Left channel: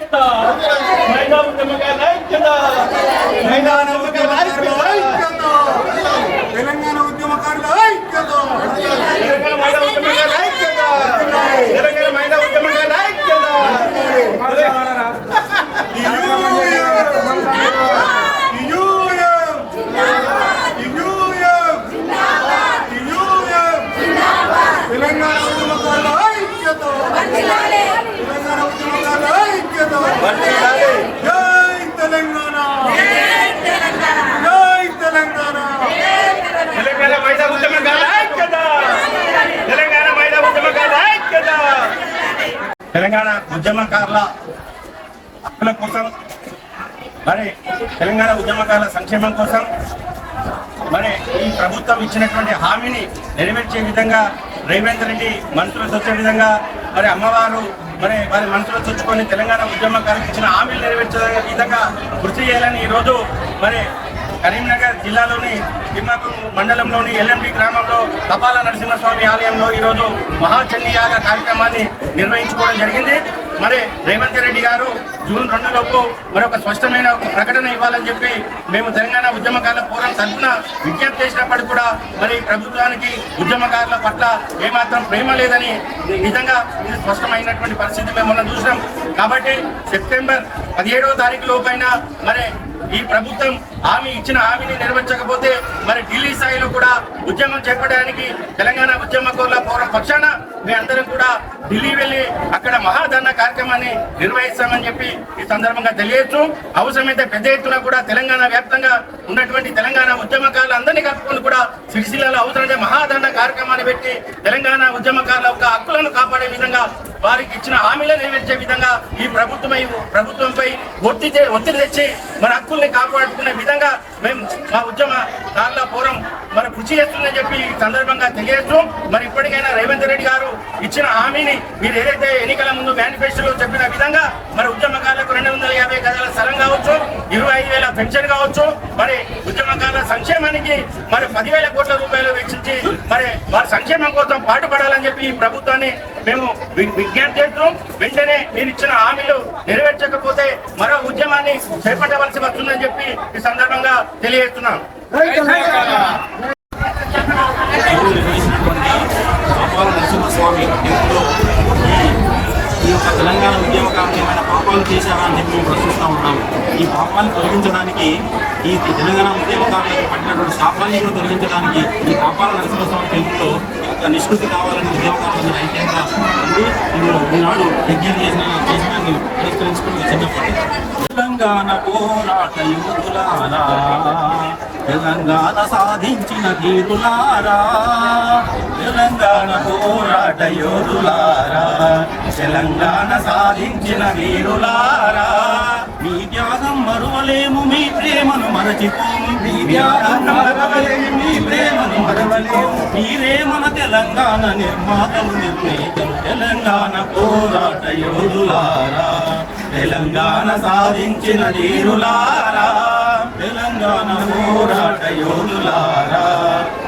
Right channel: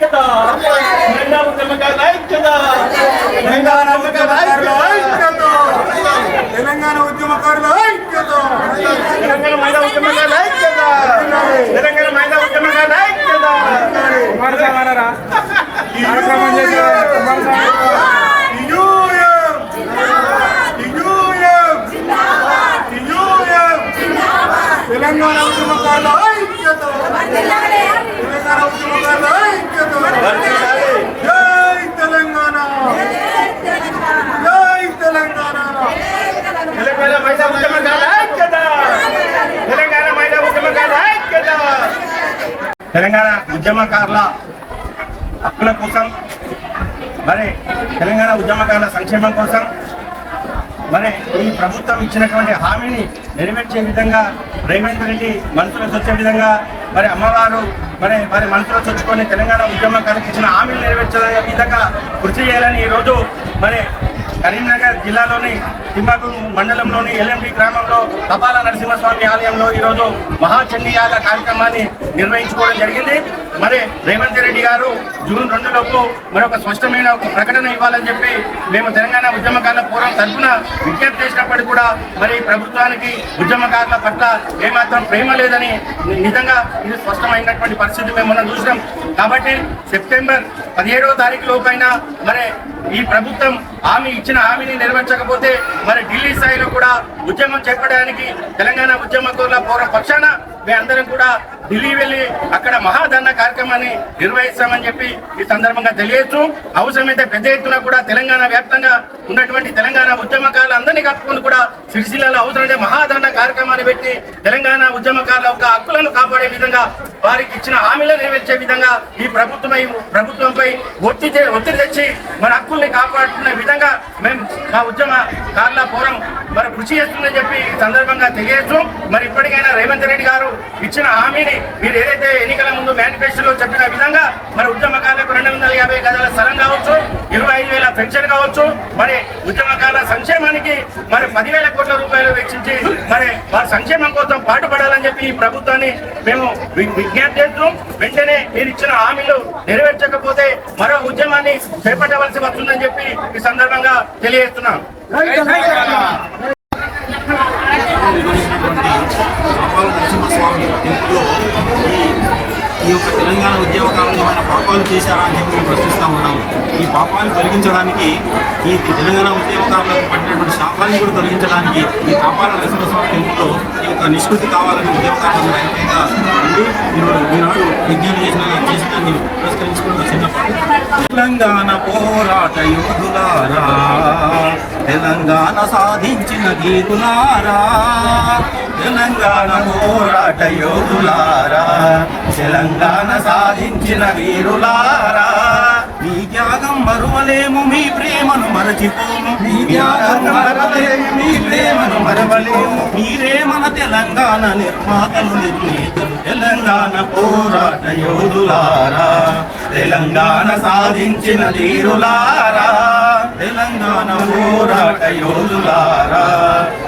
ఐక్యత. మహిళా ఉద్యమకారుల ఐక్యత. మహిళా ఉద్యమకారుల ఐక్యత. తెలంగాణ ఉద్యమకారుల ఐక్యత. తెలంగాణ మహిళా ఉద్యమకారుల ఐక్యత. తెలంగాణ మహిళా ఉద్యమకారుల ఐక్యత. తెలంగాణ ఉద్యమకారుల ఐక్యత తెలంగాణ ఉద్యమకారుల ఐక్యత జై తెలంగాణ. జై తెలంగాణ. తెలంగాణ. మహిళా ఉద్యమకారుల ఐక్యత. తెలంగాణ మహిళా ఉద్యమకారుల ఐక్యత. తెలంగాణ ఉద్యమకారుల హక్కుల కోసం మరి తెలంగాణ ఉద్యమకారుల సంక్షేమం కోసం మరి ఈ ప్రభుత్వం ఇచ్చినటువంటి హామీని నెరవేర్చే విధంగా రేవంత్ రెడ్డి మంత్రులు వచ్చే విధంగా మరి అమ్మవారు మరి మరి మనసులో చొచ్చుకొని తెలంగాణ ఉద్యమకారులకు ఇచ్చిన హామీలు నెరవేర్చే విధంగా కృషి చేయాలని ఈరోజు మరి కరీంనగర్ జిల్లాలోని తిమ్మకు మండలంలోని ఎల్ఎంపి గ్రామంలో తపాల నరసింహస్వామి ఆలయంలో ఈరోజు మహాచండీయాల కార్యక్రమాన్ని నిర్వహించుకోవడం జరిగింది. మరి రేవంత్ రెడ్డి గారు జూన్ రెండు లోపు మరొక స్పష్టమైన ఒక ప్రకటన ఇవ్వాలని చెప్పి మేము తెలంగాణ ఉద్యమకారుల పూర్వం తరఫున విజ్ఞప్తి చేసినప్పటికీ కూడా మరి ప్రభుత్వానికి ఉద్యమకారుల పట్ల ఏమాత్రం ప్రేమ లేదని నిజంగా ఇది స్పష్టమైనటువంటి పరిస్థితి మేము మనం చూసినాం. కాబట్టి సెప్టెంబర్ పదిహేడవ తారీఖు లోపైనా మరి ఈ ప్రభుత్వం హామీ ఇచ్చిన హామీని నెరవేర్చకపోతే మరి ఢిల్లీ స్థాయిలో కూడా ఉద్యమం చేపట్టడానికి తెలంగాణ ఉద్యమకుల పౌర పక్షాన మేమందరం కూడా ఢిల్లీ వెళ్ళి అక్కడ మహాధరణ కార్యక్రమాన్ని నిర్వహిస్తామని చెప్పి ఈ సందర్భంగా తెలియచ్చు అవసరమైతే పెద్ద ఎత్తున కూడా తెలంగాణ వ్యాప్తంగా ఉన్నటువంటి తెలంగాణ ఉద్యమకారులు అందరినీ కప్పుకొని కూడా సిరిసిల్లలో అవసరమైతే మహాధరణ కార్యక్రమాన్ని పెట్టి తెలంగాణ ఉద్యమకారుల యొక్క హక్కులను కాపాడే విధంగా వారికి ఇచ్చిన హామీలను నెరవేర్చే విధంగా ఈ ప్రభుత్వమై ప్రభుత్వంపై ఒత్తి ఒత్తిడి తెచ్చి మన హక్కుల్ని కాపాడుకునే విధంగా మేము మా ఉద్యమ కార్ల పోరం మరి కృషి చేస్తుందని చెప్పి సందర్భంగా తెలియజేస్తూ మరి ఇప్పటికైనా రేవంత్ రెడ్డి గారు ఇచ్చిన హామీని మీరు ఏదైతే ఎన్నికల ముందు మేనిఫెస్టోలో చెప్పిన విధంగా మరి ఉద్యమకారులకు రెండు వందల యాభై గదాల స్థలం కావచ్చు ఇరవై ఐదు వేల పెన్షన్ కావచ్చు మరి ఉద్యమకారుల సంక్షేమానికి మరి పదివేల కోట్ల రూపాయలు వెచ్చించి మరి వారి సంక్షేమం కోసం పాటుపడాలని చెప్పి ఈ ప్రభుత్వాన్ని మేము విజ్ఞప్తి చేస్తూ వెంటనే మీరు ఇచ్చిన హామీలు నెరవేర్చకపోతే మరో ఉద్యమాన్ని చేపట్టవలసి వస్తుందని చెప్పి ఈ సందర్భంగా తెలియజేస్తున్నాను. నిర్వహించినటువంటి పాపాల నరసింహస్వామి టెంపుల్లో ఈ యొక్క తెలంగాణ ఉద్యమకారులు ఏమైనా పాపాలు చేశారా అని చెప్పి మేము ప్రశ్నిస్తూ ఉన్నాము. ఈ పాపాన్ని తొలగించడానికి ఈ తెలంగాణ ఉద్యమకారులకు పడినటువంటి శాపాన్ని కూడా తొలగించడానికి ఈ పాపాల నరసింహస్వామి టెంపుల్లో ఈ యొక్క నిష్కృతి కావాలని ఉద్యమకారులందరూ ఐక్యంగా ఉండి ఈరోజు ఈనాడు విజ్ఞానం చేసిన చేసినాన్ని పురస్కరించుకుని చిన్నప్పటి తెలంగాణ పోరాట యోధులారా. తెలంగాణ సాధించిన గీతులారా తెలంగాణ పోరాట యోధులారా తెలంగాణ సాధించిన వీరులారా. మీ త్యాగం మరువలేము మీ ప్రేమను మరచిపోము. మీ త్యాగం మరవలేము మీ ప్రేమను మరవలేము. మీరే మన తెలంగాణ నిర్మాతలు నిర్ణేతలు తెలంగాణ పోరాట యోధులారా. తెలంగాణ సాధించిన ధీరులారా. తెలంగాణ పోరాట యోధులారా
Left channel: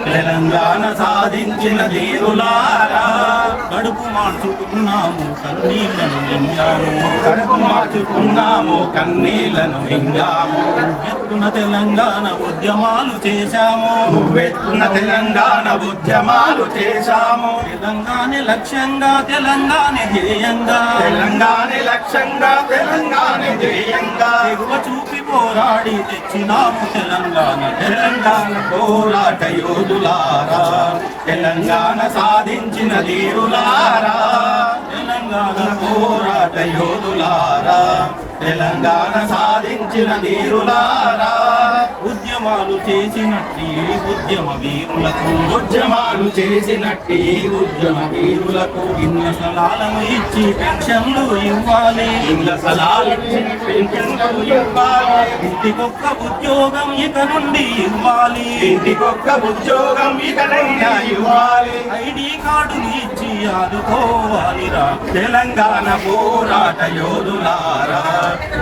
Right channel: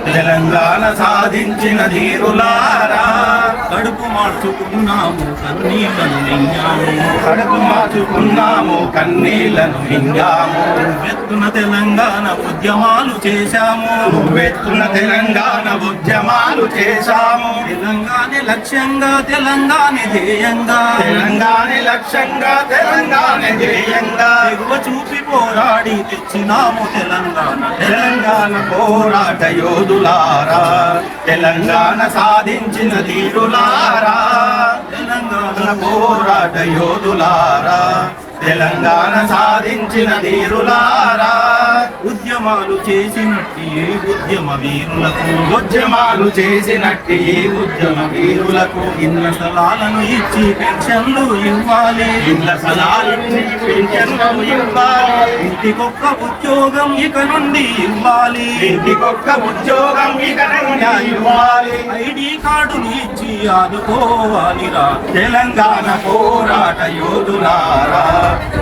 తెలంగాణ సాధించిన ధీరులారా. కడుపు మార్చుకున్నాము కన్నీళ్ళను మింగాము. కడుపు మార్చుకున్నాము కన్నీళ్ళను మింగాము. ఎత్తున తెలంగాణ ఉద్యమాలు చేశాము. నువ్వెత్తున తెలంగాణ ఉద్యమాలు చేశాము. తెలంగాణ లక్ష్యంగా తెలంగాణ ధ్యేయంగా. తెలంగాణ లక్ష్యంగా తెలంగాణ ధ్యేయంగా. ఎగువ చూపి పోరాడి తెచ్చినాము తెలంగాణ తెలంగాణ పోరాట యోధులారా. తెలంగాణ సాధించిన ధీరులారా. తెలంగాణ పోరాట యోధులారా? తెలంగాణ సాధించిన ధీరులారా? ఉద్యమాలు చేసినట్టి ఈ ఉద్యమ వీరులకు. ఉద్యమాలు చేసినట్టి ఈ ఉద్యమ వీరులకు ఇళ్ళ స్థలాలను ఇచ్చి పెన్షన్లు ఇవ్వాలి. ఇళ్ళ స్థలాలను పెన్షన్లు ఇవ్వాలి. ఇంటికొక్క ఉద్యోగం ఇక నుండి ఇవ్వాలి. ఇంటికొక్క ఉద్యోగం ఇక నుండి ఇవ్వాలి. ఐడి కార్డులు ఇచ్చి ఆదుకోవాలిరా. తెలంగాణ పోరాట యోధులారా.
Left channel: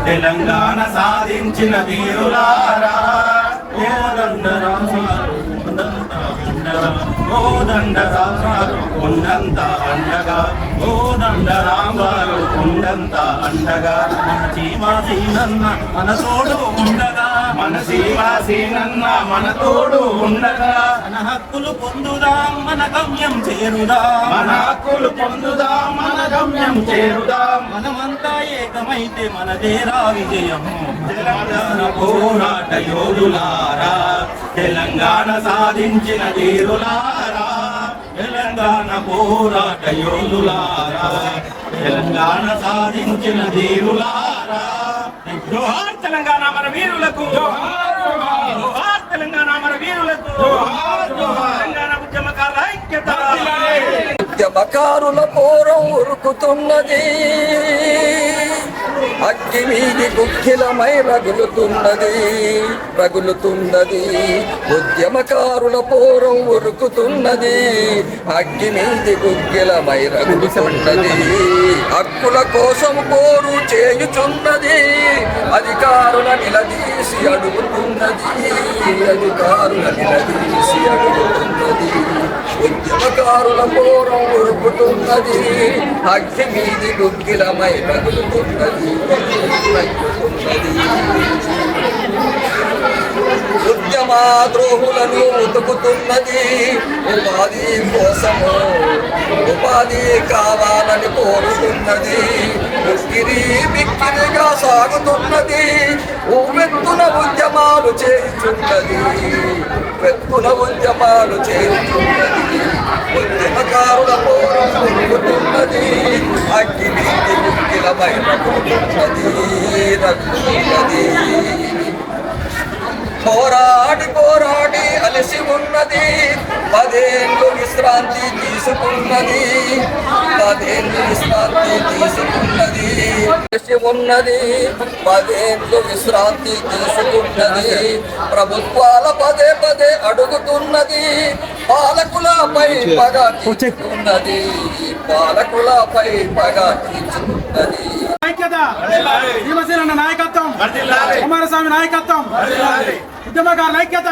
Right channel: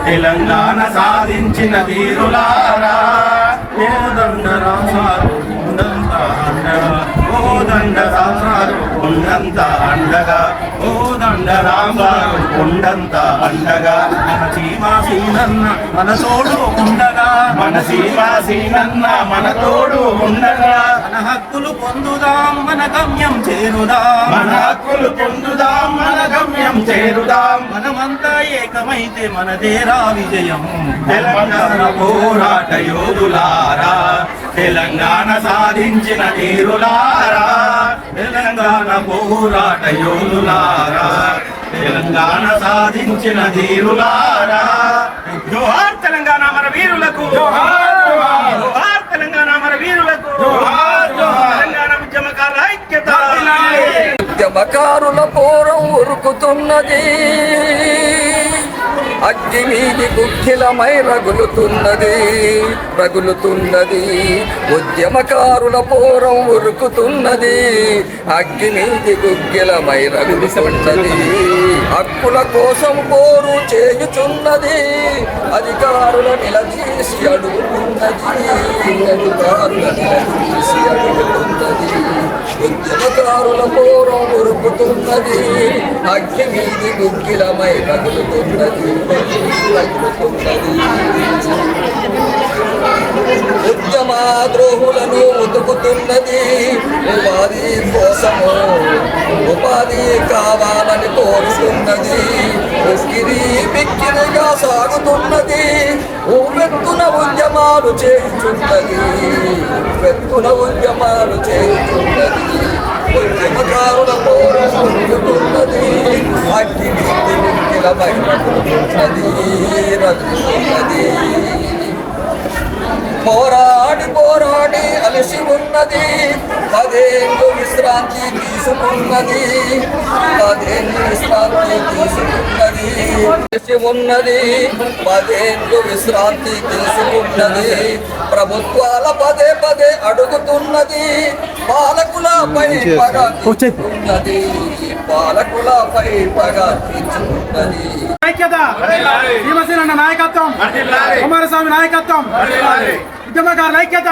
తెలంగాణ సాధించిన వీరులారా. ఓ రంగరాజాలు ఉండంతా అండగా ఓ దండ రామారు కొండంత అండగా. ఓ దండ రామారు కొండంత అండగా. మన చీమాసీనన్న మన తోడు ఉండగా. మన సీమాసీనన్న మన తోడు ఉండగా. మన హక్కులు పొందుదాం మన గమ్యం చేరుదాం. మన హక్కులు పొందుదాం మన గమ్యం చేరుదాం. మనమంతా ఏకమైతే మనదేరా విజయం. తెలంగాణ పోరాట యోధులారా. తెలంగాణ సాధించిన తీరులారా తెలంగాణ పోరాట యోధులారా తెలంగాణ సాధించిన ధీరులారా. జోహార్ తెలంగాణ మన వీరులకు జోహార్ తెలంగాణ మన వీరులకు తెలంగాణ ఉద్యమకారుల ఐక్యత. ఉద్యమకారుల పోరం ఉరుకుతున్నది. అగ్గి మీది గుగ్గిలమై రగులుతున్నది రగులుతున్నది. ఉద్యమకారుల పూర్వం ఉరుకుతున్నది అగ్గి మీది గుగ్గిలమై రగులుతున్నది. హక్కుల కోసం పోరు చేయుచున్నది అధికారుల నిలదీసి అడుగుతున్నది. అధికారుల నిలదీసి అడుగుతున్నది. ఉద్యమకారుల పూర్వం ఉరుకుతున్నది అగ్గి మీది గుగ్గిలమై రగులుతున్నది. ఉద్యమ ద్రోహులను ఉతుకుతున్నది ఉపాధి కోసము. ఉపాధి కావాలని కోరుతున్నది. ఉస్కిరి బిక్కిరిగా సాగుతున్నది. ఊవెత్తున ఉద్యమాలు చేస్తున్నది వెత్తున ఉద్యమాలు చేస్తున్నది ఉద్యమకారుల పోరం ఉరుకుతున్నది అగ్గి నీతి ముక్కిలమై రగులుతున్నది పోరాడి పోరాడి అలసి ఉన్నది. పదేళ్ళు విశ్రాంతి తీసుకున్నది. పదేళ్ళు విశ్రాంతి తీసుకున్నది. అలసి ఉన్నది. పదేళ్ళు విశ్రాంతి తీసుకున్నది. ప్రభుత్వాల పదే పదే అడుగుతున్నది. పాలకులపై పగ తీర్చుకున్నది. పాలకులపై పగ తీర్చుకున్నది. ఐక్యత భీమసేన నాయకత్వం కుమారస్వామి నాయకత్వం ఉద్యమకారుల ఐక్యత.